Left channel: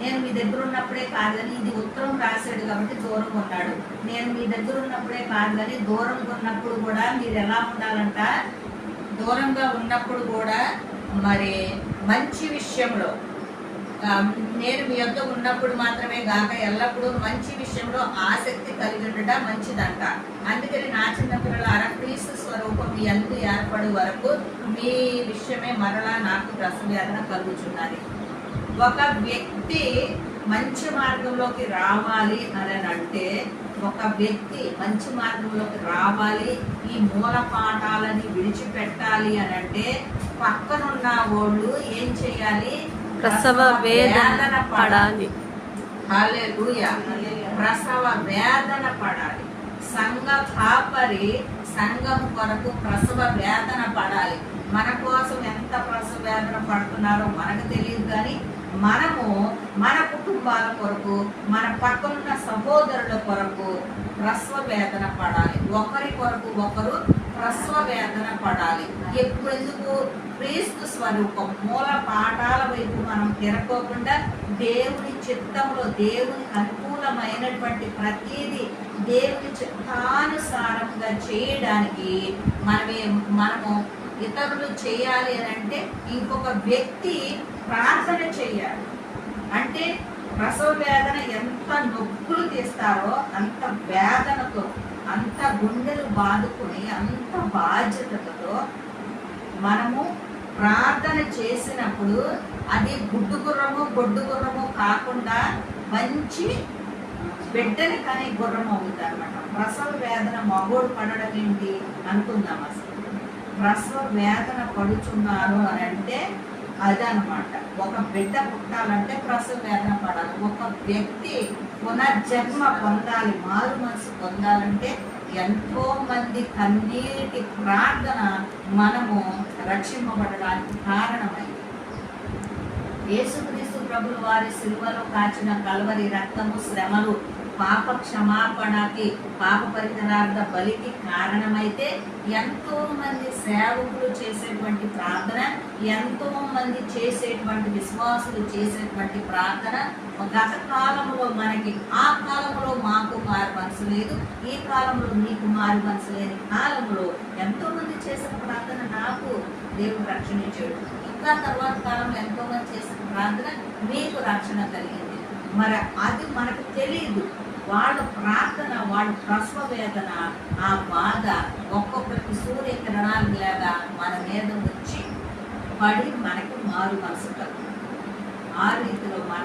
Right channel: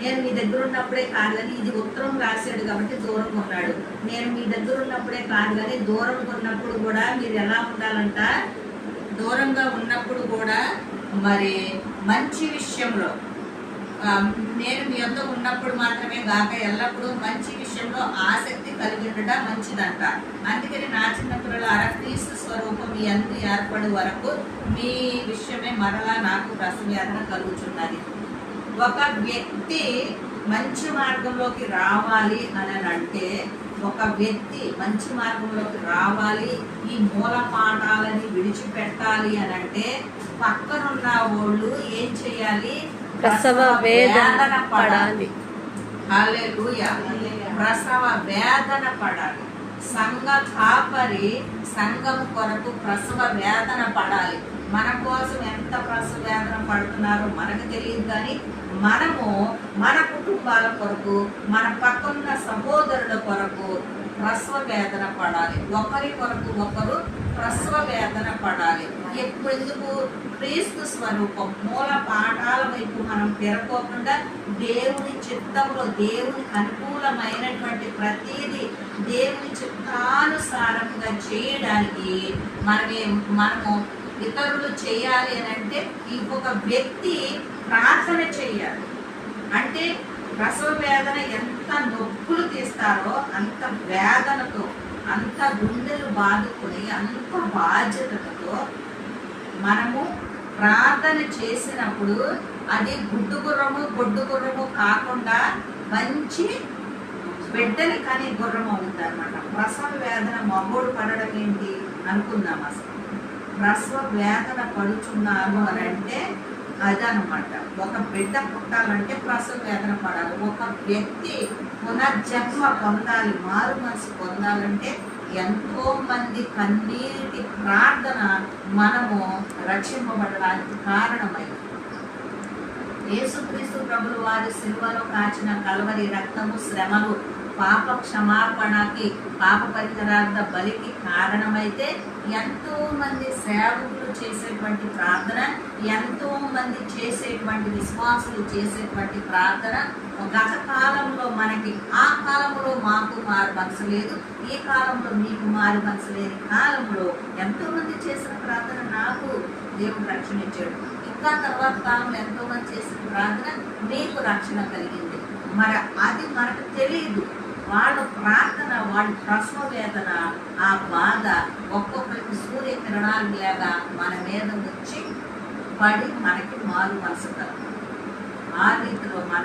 నేను మీ దగ్గర ఉన్నప్పుడే కాదు కానీ ఇది ఉత్తరం రాశాడు కాబట్టి దూరం ఉన్నాడు. నేను మీ దగ్గర ఉన్నప్పుడే కాదు కానీ దూరం ఉన్నప్పుడు కూడా మీరు ఎలా ఉండాలంట? దూరంగా ఉన్నప్పుడు కూడా మరి మంచి విషయంలో నేను మీ యొక్క ఉన్నప్పుడు మాత్రమే గాక ఎల్లప్పుడూ మంచి విషయంలో ఆసక్తి కలిగి ఉండటం మంచిదంట. అందుకని నా చిన్న పిల్లలారా క్రీస్తు స్వరూపం మీ అందు ఏర్పడు వరకు మీ విషయమే మరలా నాకు రసవేదన కలుగుచున్నది. ఒక వ్యక్తి మంచి మార్గంలోకి రావాలి అని అంటే ఒక వ్యక్తి మంచి మార్గంలోకి రావాలి ఈ మూల పాఠాలని విడిచిపెట్టాలి అని అంటే పక్కనున్న వాళ్ళు ఏం చేయాలి? ప్రసవ వేదన పడాలి. ప్రసవ వేదన పడాలి. సంఘ కాపరి సంఘం కొరకు ప్రసవ వేదన పడాలి. మన కోసం ఎంత పడుతున్నారో మనకు తెలియదు కానీ మనము మన కుటుంబాల కొరకు మన పక్కనున్న సహోదరుల కొరకు ప్రసవ వేదన పడాలి. ఒకరి కొరకు ఒకరు ప్రసవ వేదన పడాలి. ఎప్పుడెందుకు? క్రీస్తు స్వరూపం. మూల పాఠాల వైపు మనం తిరగకుండా దేవుని చిత్తంలో దేవుని అనుకూలమైనటువంటి ప్రతిదీ దేవుని చిత్తానుసారంగా చేయడానికి మనమే మనము ఇతరులు చేయాలి అని అంటే ఇంకొక వ్యక్తి ప్రార్థన చేయాలి. అంటే ప్రసవ వేదన ఎంత నొప్పులు తీస్తారో అంత వేదనతో అంత గుండెలు బాదుకుని అంత బాధ్యతతో మనము ప్రార్థన చేసినప్పుడు అది గుడ్డు గుర్రము గొడ్డు గుర్రము కాకుండా మంచి బిడ్డని కని గుర్రం అవుతుంది అనమాట ప్రసవ వేదన మగోడు పడడం ఏంటి అనుకుందాం అసలు ప్రసవ వేదన పడుచున్నాను అని అంటే అదనమాట. ఒక బిడ్డ పుట్టాలంటే ప్రసవ వేదన పడాలి. ఒక వ్యక్తి పునర్జన్మ పొందాలి మారు మనసు పొందాలంటే ఎంతో మంది కన్నీటి ప్రార్థన మనము రక్షింపబడడానికి కారణమైంది. యేసుక్రీస్తు ప్రభులు వారి సిలువలో కాచిన కలవరి రక్తము శ్రమలు పాప క్షమాపణకి పాప పరిహారార్థ బలికి కారణమైతే ఎంతో మంది సేవకులు చేసేటువంటి ప్రార్థన ఎంతో మంది చేసేటువంటి విశ్వాసులు చేసేటువంటి ప్రార్థన గత కాలంలో మనకి ఆ కాలంలో మాకు మారు మనసు లేదు. ఈ కాలంలో మీకు మారు మనసు లేని కాలంలో ఎంతో మంది చేసిన ప్రార్థన నాకు దేవుడు రక్షణ ఇచ్చాడు. ఇంకా తర్వాత కాలంలో ఎంతో మంది చేసిన ప్రార్థన మీకు రక్షణ కలిగింది మరి అది మనకు తెలియదు వాళ్ళ ప్రార్థన వాళ్ళ ప్రసవ వేదన ఆ బాధ ఒక్కొక్కరికి సూర్యకిరణాలు లాగా మన మీద వచ్చి పడి మనకి మారు మనసు కలుగుతుంది. ఆ రీతిలో మన